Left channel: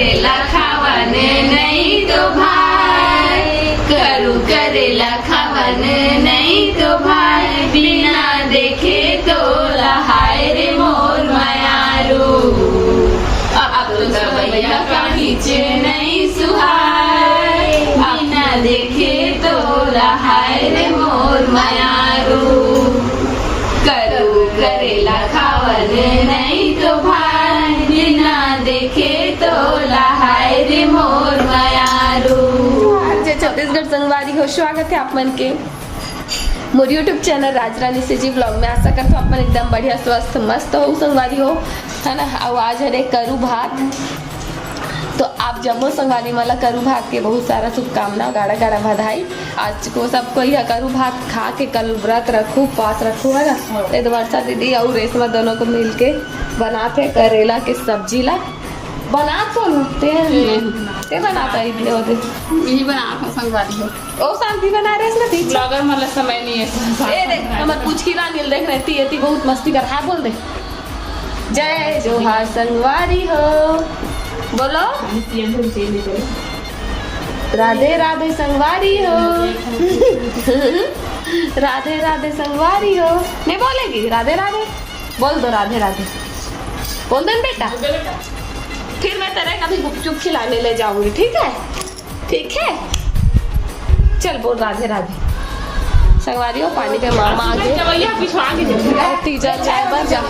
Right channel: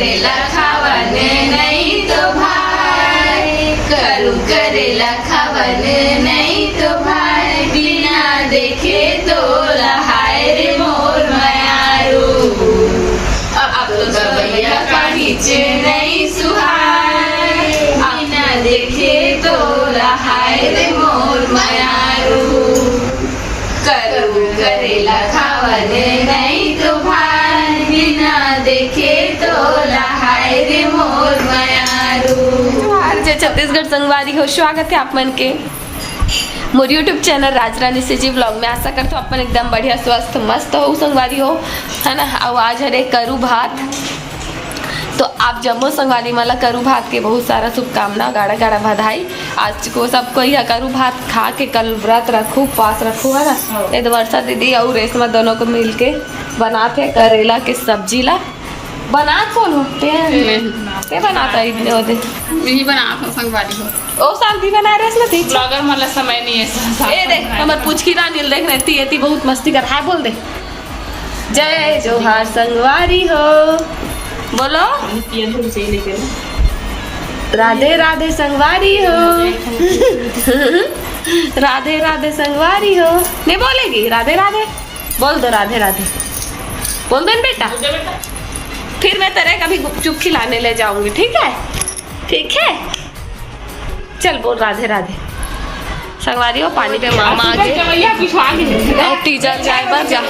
करेला खावन नहीं तो भाई, करू करेला खावन नहीं तो भाई, बिना देखे तो लहाय रे मोर मयारू। अब तो सवैया का नीचे नहीं सुहाय, बिना देखे तो लहाय रे मोर मयारू। करू करेला खावन नहीं तो भाई, बिना देखे तो लहाय रे मोर मयारू। जय छत्तीसगढ़ संगवारी हो, स्वागत है आप मन के मोर यूट्यूब चैनल राजरानी से जी व्लॉग में। आशा करते हो अपन एकदम बढ़िया स्वस्थ मस्त हो संगवारी हो, है ना। और आज है करू भात, तो आप जम्मो संगवारी माला करू भात के बहुत सारा शुभकामना, गाड़ा गाड़ा बधाई। आज को सबको यह करू भात खा के कल व्रत रखू, पास रखू, है ना। ये वर्षा दीदी और रेशमा दोनों को मिल के बनाते करेला के सब्जी ला बना कौन होते हैं बनाता इतने होते नहीं बना संगवारी हो। ओ साल भी बना रहे इसमें थी मगर मतलब समय नहीं है। ए देख हमर पूछ की ना नील देख रही थी बहुत मस्ती कर है, बोल दे जय जोहार संगवारी हो, बोलो राधे राधे संगवारी हो। राधे राधे संगवारी हो, नहीं बोलेगी राधे राधे, बोल दो राधे राधे, बोल दो बेटा। फिर मैं तेरे कभी गुपचुप खिलाने ले जाऊंगी, ठीक है ठीक है। चल बोल राधे राधे संगवारी हो। पानी पे मामा आ गए, तीजा जाए बार जा,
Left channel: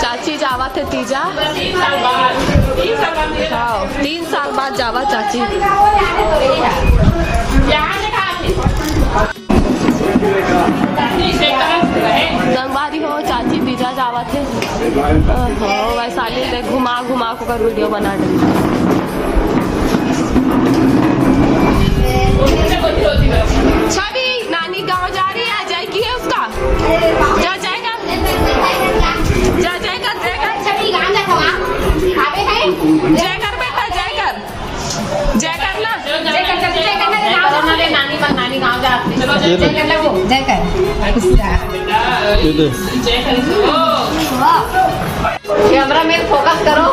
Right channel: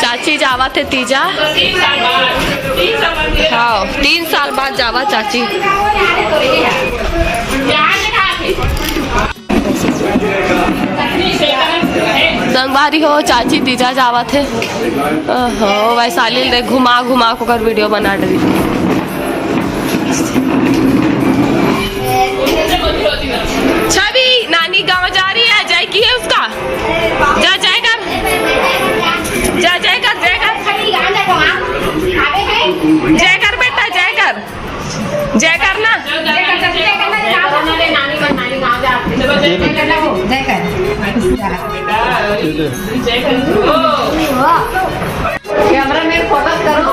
चाची जावा थे तीजा, हाँ 3 साल बाद जावा चाची। संगवारी हो चाची तीजा जावा थे, हो वैशाली ले घुमा घुमा को कर वीडियो बना डाली। छवि नानी गांव जा रही है, जय की है उसका, जा जाएगा जा जाएगा जय कर बेटा, जय कर जय करना, नानी गाँव कैमरामैन फोकस करो,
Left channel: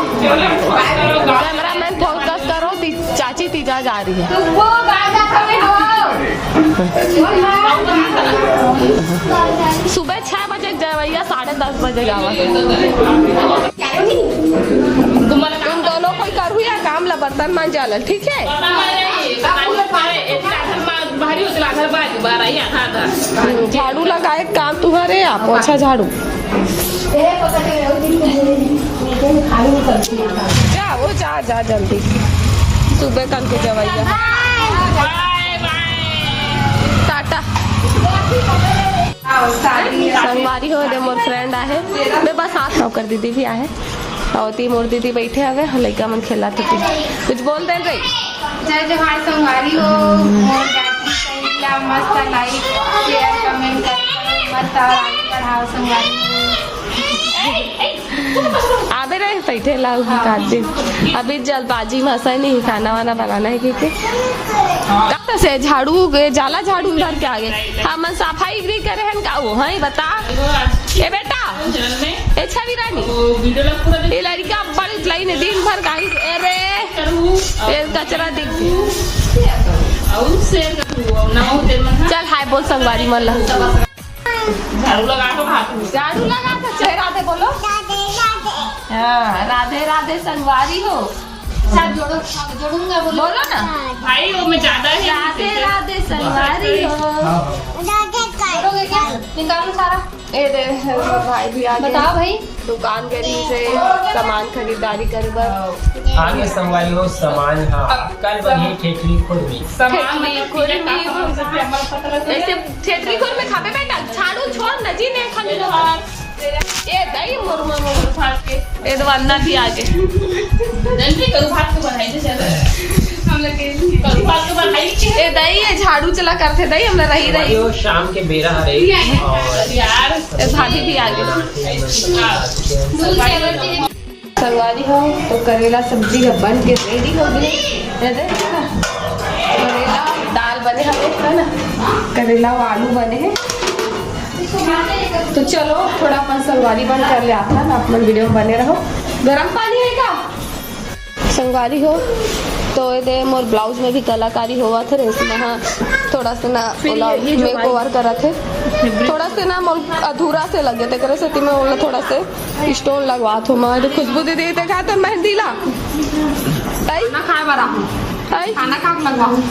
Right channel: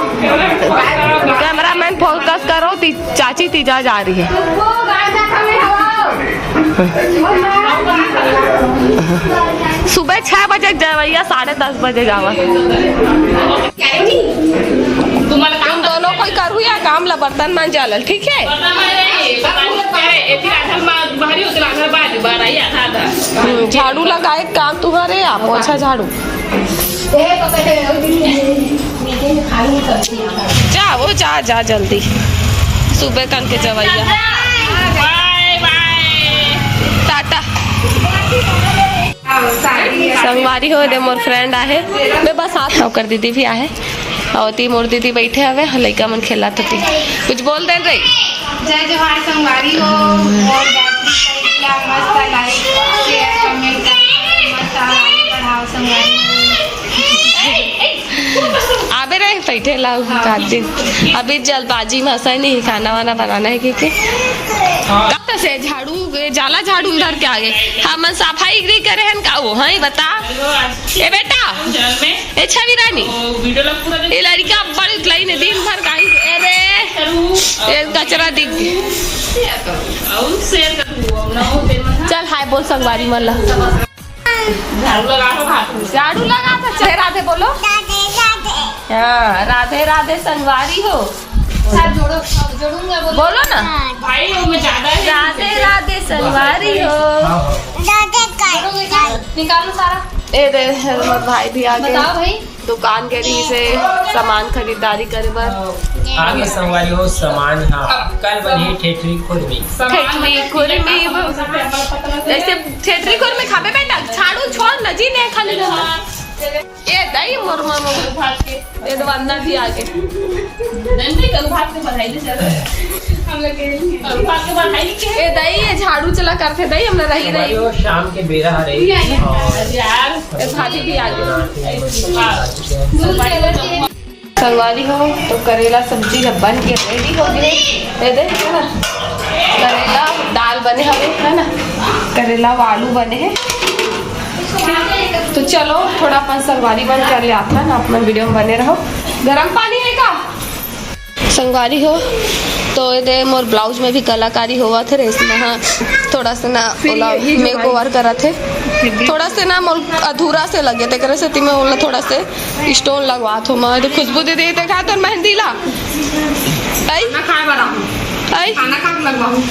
कैमरामैन फोकस करो। चाची तीजा जा रही है। सुबह 6 बजे जवैया 10:30 बजे जावा। तुम दोनों कोई करू या काम ला बर्तन मान जालल, ठीक है। झाड़ू लगाए काम तुम्हारे, आप अच्छा झाड़ू जा, वो जा जा जल्दी, सुबह कन के जवैया। टाटा संगवारी हो दे मोर फ्रेंड आहे, मैं बस हाथ नौकर दीदी भी आहे और ती मोर दीदी बैठे हवे, लइका मन खेला थी। कुछ बोल दे रही। जय जोहार संगवारी हो, और मस्त लाइक शेयर कमेंट मस्त आगे बढ़ाओ संगवारी। आबे रहे बैठे लाओ का दिन, अभी जल्दबाजी में हंसा नहीं, खाना वाना बनाना है क्योंकि कब से झाड़ू जाला झाड़ू उधर के आगे हम सफाई गृह करे हैं का वो है बता। ए बेटा ए छवि रानी ये लड़का बड़ी उतलाई ने दिन भर कहीं अरे कचरा दिख चल हाय बोल संगवारी मल्ला। झाड़ू लगा था चल राधे बोलो, हाँ राधे राधे संगवारी हो, जोड़ूंगा बोलो ना भाई, मैं ज्यादा राधे राधे संगवारी हो। निकालो सारा, ए दे भाई भी आगे, बताओ भाई दुकान के लिए से सामान खरीदारी करे बर आगे संगवारी हो सामान। हाँ कल बनी ठेठरी खुरमी, ठेठरी खुरमी जैसे ठेठरी खुरमी खाबे बेटा, झाड़ू छोड़ नजी नहीं खाने ये दही मोर मामा भात के ये दवाना भी आगे नंदी कल भात के बढ़ाई दे चल हम लोग के कल भात के बढ़ाई के ये दही ये झाड़ू चला करते दही हम रही रही शाम के बेरा रही यार ये भाभी भी आगे। संगवारी हो तो करेला सब्जी जब बन के रेडी हो गई, ये देख करेला दाल बने हमें, है ना, करेला और आलू बने हैं। तो चलो थोड़ा अपन संगवारी बन कर ले आता ना, अपन वीडियो में बने रहो। गरम पानी है का संगवारी हो तो ये मोर ब्लाउज में भी कलाकारी हुआ थे रेशमा। हाँ थोड़ा सा ना ओला मेक ओवर करा थे, थोड़ा से ना मोर अधूरा से लगे थे करे से में ओला थोड़ा से स्टोन लगवा थो। मैं तो खुशबू दीदी देखा तो मेहंदी ला आई खाना खा बड़ा हूं, आई खाना खा लगवाऊं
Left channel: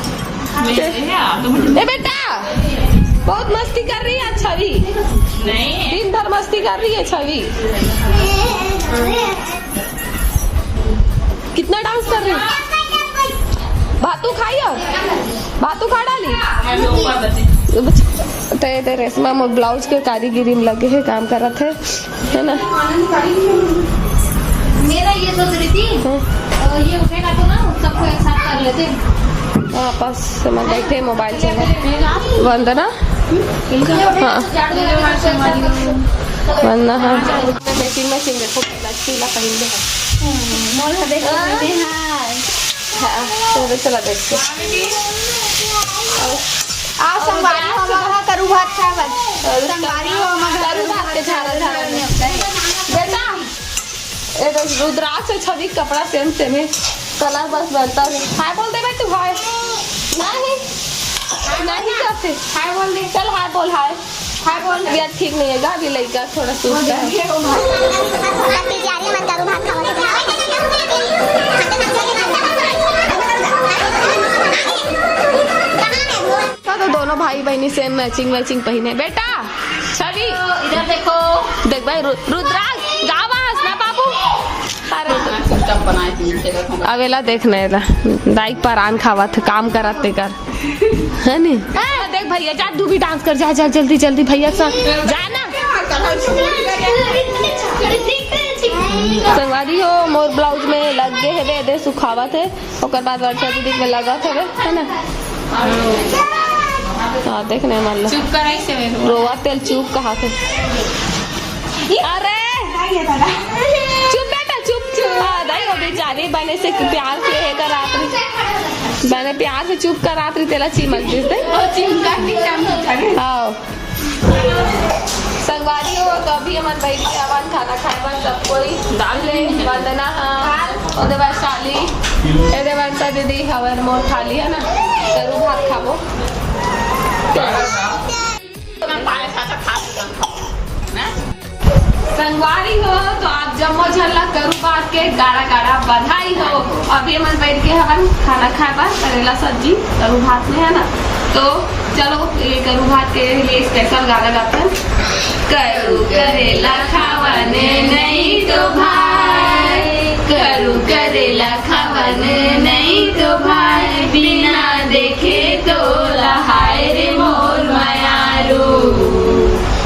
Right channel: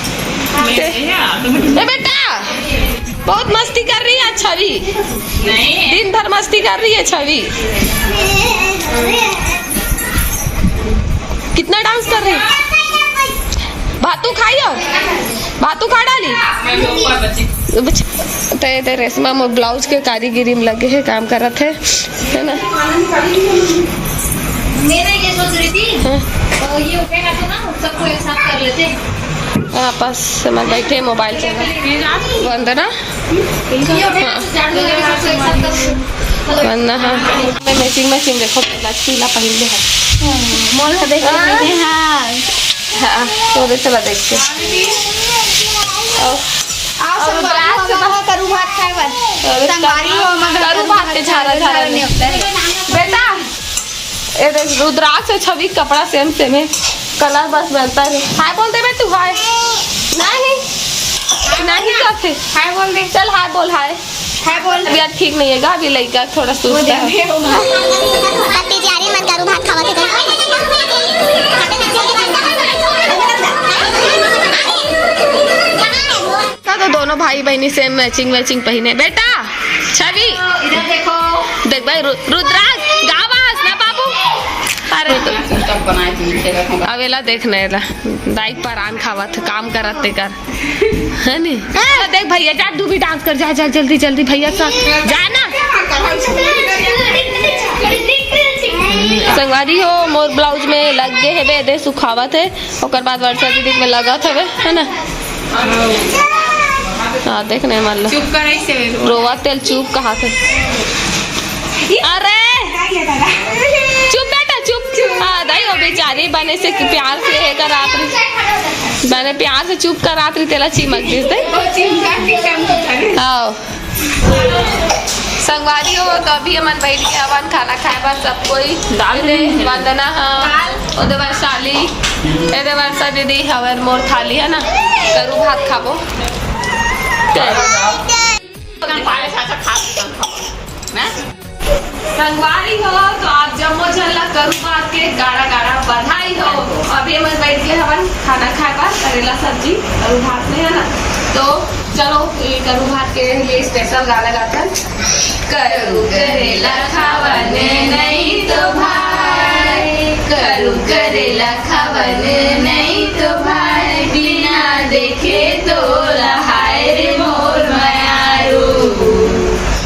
ए बेटा बहुत मस्ती कर रही है छवि, नहीं दिन भर मस्ती कर रही है छवि। कितना डांस कर रही? भातू खाई हो, भातू खा डाली ते रेशमा मोर ब्लाउज के कारीगिरी में लगे है, काम कर रहे थे है ना। मेरा ये सोच रही थी ये उठेगा तो ना सबको एक साथ कर लेते हैं। आपस में बैठे मोबाइल चला वंदना वंदना। हाँ मैं मैचिंग देखो पीला पहन ले है मॉल में देख रहे हैं। हाँ तो दे चला देख के करू भात खाएगा संगवारी हो मगर करू भात के झारा झारा नहीं होता है बेटा। ये देख रुद्राक्ष से छवि कपड़ा सेम सेम है, कलर बस बनता है। हाय बोल दे बेटू, हाय नहीं नहीं करते, हाय बोल दे, चल हाय बोल, हाय हाय बोल। अभी आज ठीक नहीं है अभी लड़का थोड़ा सुस्त है। मत करू भात खावा तो दोनों भाई बहनी सेम मैचिंग पहने। बेटा छवि इधर देखो, देख भाई रुद्राक्ष गावास ना बाबू। अरे अवेला देखने बाइक पर आन खावा थे काम करत ते कर है नी। देख भैया जा तू भी डांस कर, जा जा जल्दी जल्दी भैया सा जाना। संगवारी हो मोर ब्लाउज में लग गए है दे सुखावा थे, ओकर बाद वर्षा दीदी में लगा था है ना। हाँ देख नहीं मान लो चुप कर ऐसे रोवा तेल चुप कहा थे। अरे चुप बेटा चुप। हाँ दाई वो बेचारी बने से प्यार से है कर रात्रि मैंने प्यार से चुप कर रात्रि तेला चिमक दी थे। आओ संगवारी हो तो अभी हमन बैठ के अवन खाना खाए बस सब कोई डाल दे वंदना। हाँ ओदे वर्षाली एदे वर्षा दीदी हवर मोर थाली है ना करू भात खाबो। संगवारी हो तो आप जम्मो झल्ला करू बात के गाड़ा गाड़ा बधाई हो। अभी हम बैठ के हवन खाना खाए बा करेला सब्जी करू भात में है ना। तो चलो ये करू भात के लिए स्पेशल गाना गाता है। करू करेला खावने नहीं तो भाई, करू करेला खावने नहीं तो भाई, बिना देखे तो लहाय रे मोर मयारू।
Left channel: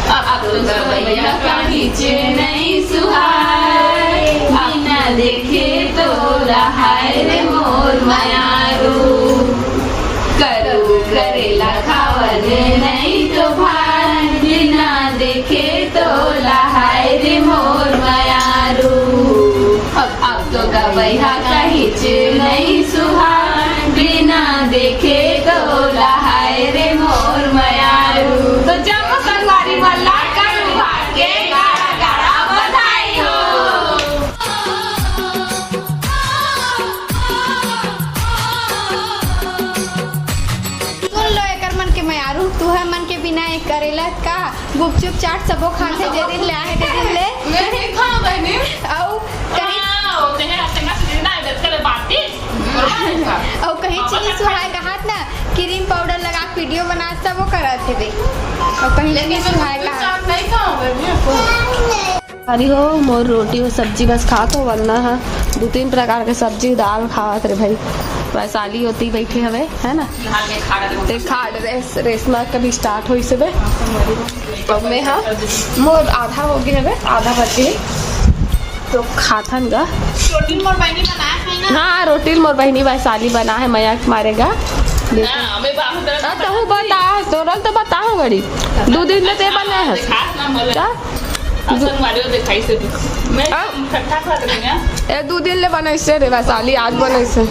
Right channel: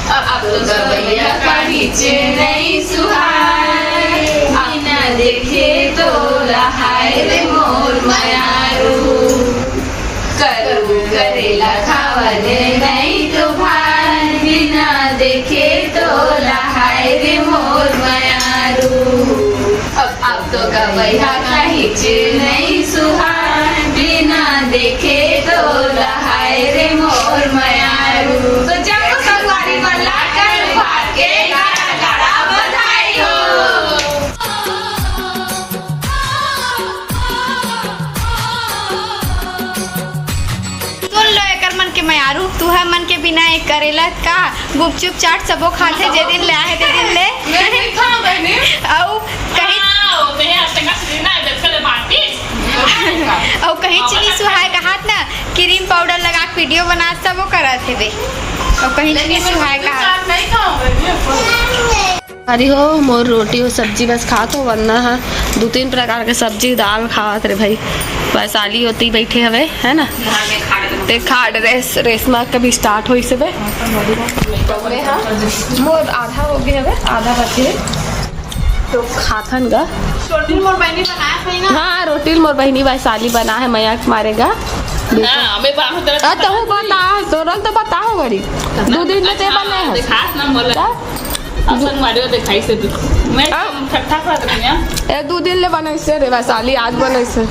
अब तो गवैया का नीचे नहीं सुहाय, बिना देखे तो लहाय रे मोर मयारू। करू करेला खावने नहीं तो भाई, बिना देखे तो लहाय रे मोर मयारू। अब तो गवैया का नीचे नहीं सुहाय, बिना देखे तो लहाय रे मोर मयारू। तो जब संगवारी वाला करू भात के गाड़ा गाड़ा बधाई हो। सुन लो एकर मन के मयारू, तू है मन के बिना एक करेला का गुपचुप चाट सबो खाते जे दिन ले आए ते दिन ले औ कहीं और कहीं चीनी सुहाय कहात ना क्रीम पाउडर लगा के वीडियो बना सबो करत हेबे और कहीं चीनी सुहाय कहात। अरे हो मोर रोटी और सब्जी बस खात हो वरना है 2-3 प्रकार के सब्जी दाल खात रे भाई। वैशाली होती बैठे हवे है ना ते खाड़ रेशमा कभी स्टार्ट होई से बे में। हाँ मोर आधा हो गया हवे आधा बचे तो खाथन गा। रोटी मोर बहनी बनाया है ना। हाँ रोटी मोर बहनी वैशाली बना है मया मारेगा तो बता तोरल तो बताओ बड़ी 2 दिन में ते बने है ए 2 दिन ले बने से रे वैशाली आज बने से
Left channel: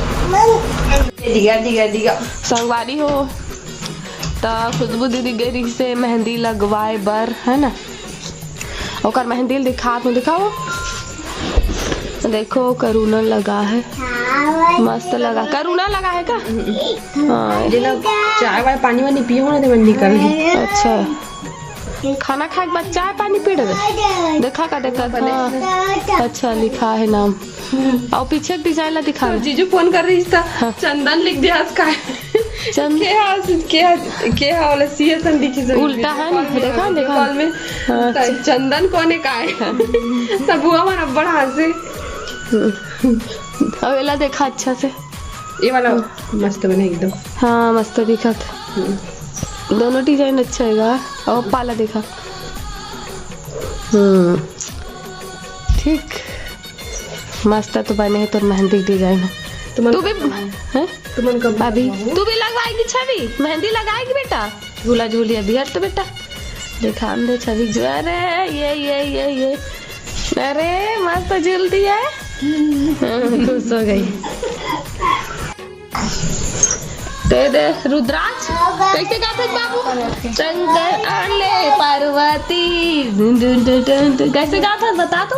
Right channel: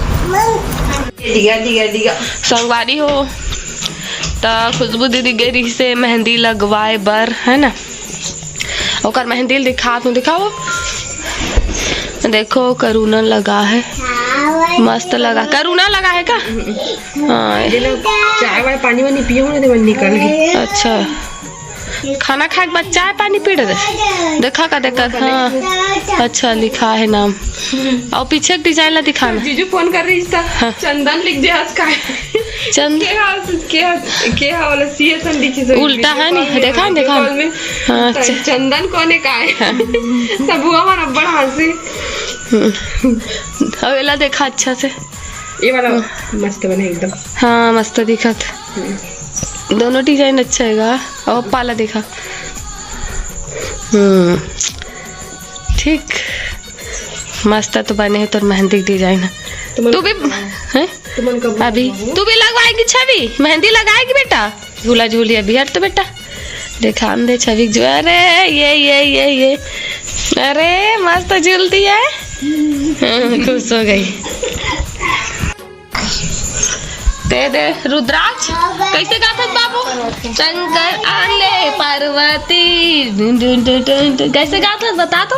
संगवारी हो तो खुशबू दीदी गेरी से मेहंदी लगवाए बर है ना। ओकर मेहंदी दिखा तू दिखाओ देखो करूनन लगा है। मस्त लगा करुणा लगा है का? हाँ चाय वाय पानी वानी पियो ना तो निकल गई। अच्छा खाना खाए के बाद चाय पानी पी रहे देखा का देखा। हाँ अच्छा लिखा है नाम और पीछे डिजाइन ला दिखाना। जीजू फोन कर रही था। हाँ। चंदन लिख दे आज का चंद के वाला सीएसन लिखी से उल्टा है नहीं देखा हाँ चंदन कोने का है सब हुआ हमारा बड़ा हंसी। अवेला देखा अच्छा से ये वाला मस्त बने एकदम। हाँ मस्त दिखा दोनों डिजाइन अच्छा है और पाला देखा। ठीक मस्त तो बने है तो मेहंदी डिजाइन तू भी है अभी तू भी लगवाएगी छवि मेहंदी लगाएगी बेटा झूला झूली अभी हट तो बेटा देखा हम दे छवि जो अरे ये अरे मस्त झूलती है खुश हो गई। दे रुद्राक्ष कैसे गाता है बाबू? शंकर आले पार्वती डुन डुन डुन डुन डुन। कैसे गाता है बता तो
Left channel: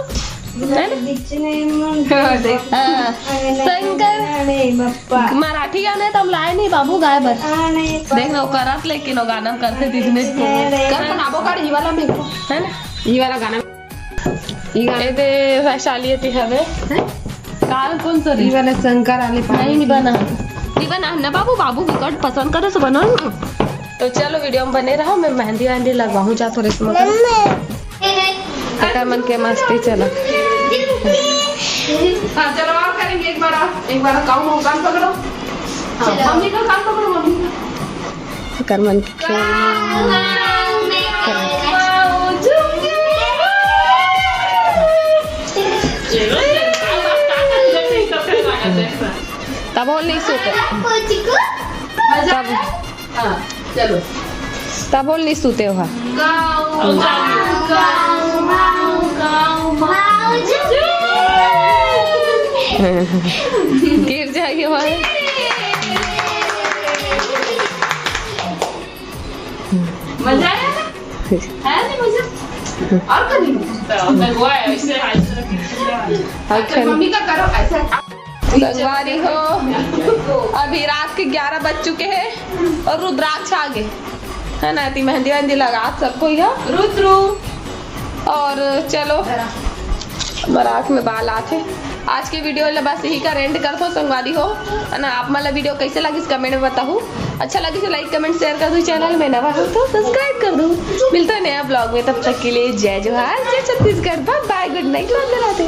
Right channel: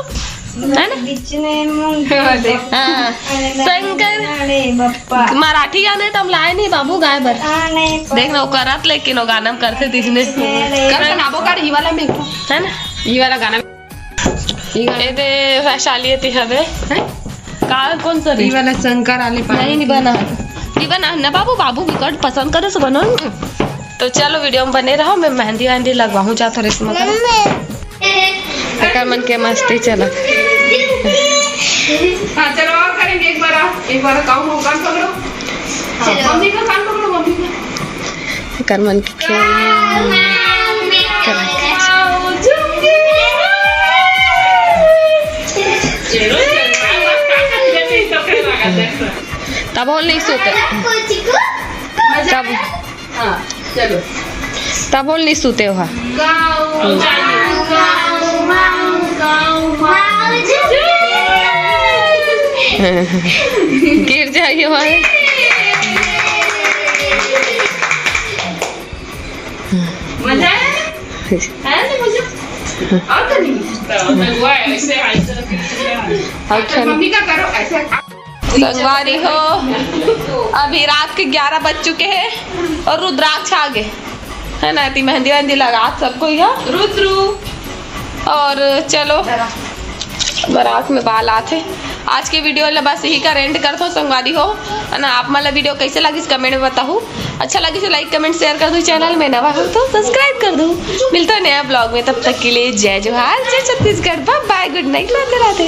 है ना? हाँ शंकर मराठी गाने तो हम लाए नहीं बाबू गाए भर देख लो करत लेकिन वो गाना करते दिखने कर बनाबो कर ई वाला में है ना ई वाला गाना ये दे वैशाली थी हवे का कौन सा ई वाला शंकर आले नहीं बना ना बाबू बाबू विकट पसंद करे से बनो। तो चलो वीडियो में बने रहो मैं मेहंदी वहंदी लगवाऊँ जा थोड़े से मगर मन के मस्ती चला। हाँ चलो और करेंगे एक बार कान पकड़ो मम्मी का कान पकड़ो मम्मी का कर मन की खेल तब और नहीं सोते तब और नहीं सोते हो गिर जाइए वहाँ मजा आया नहीं मजा और अच्छा मम्मी का करो ऐसे संगवारी हो अभी रात के 11 बज चुके हैं और रुद्राक्ष आ गए है ना इतनी मेहंदी वहंदी लगा सबको यहाँ रुद्रू और चलो बारात में बाल आते। आज के वीडियो बस यही का एंड कर दो संगवारी हो है ना। आप मतलब वीडियो कैसे लगी कमेंट में बताओ। अच्छा लगी तो लाइक कमेंट शेयर कर दो। चैनल में नवा हो तो सब्सक्राइब कर दो। मिलता है नया ब्लॉग में तब तक के लिए जय जोहार जय Chhattisgarh bye good night Radhe Radhe.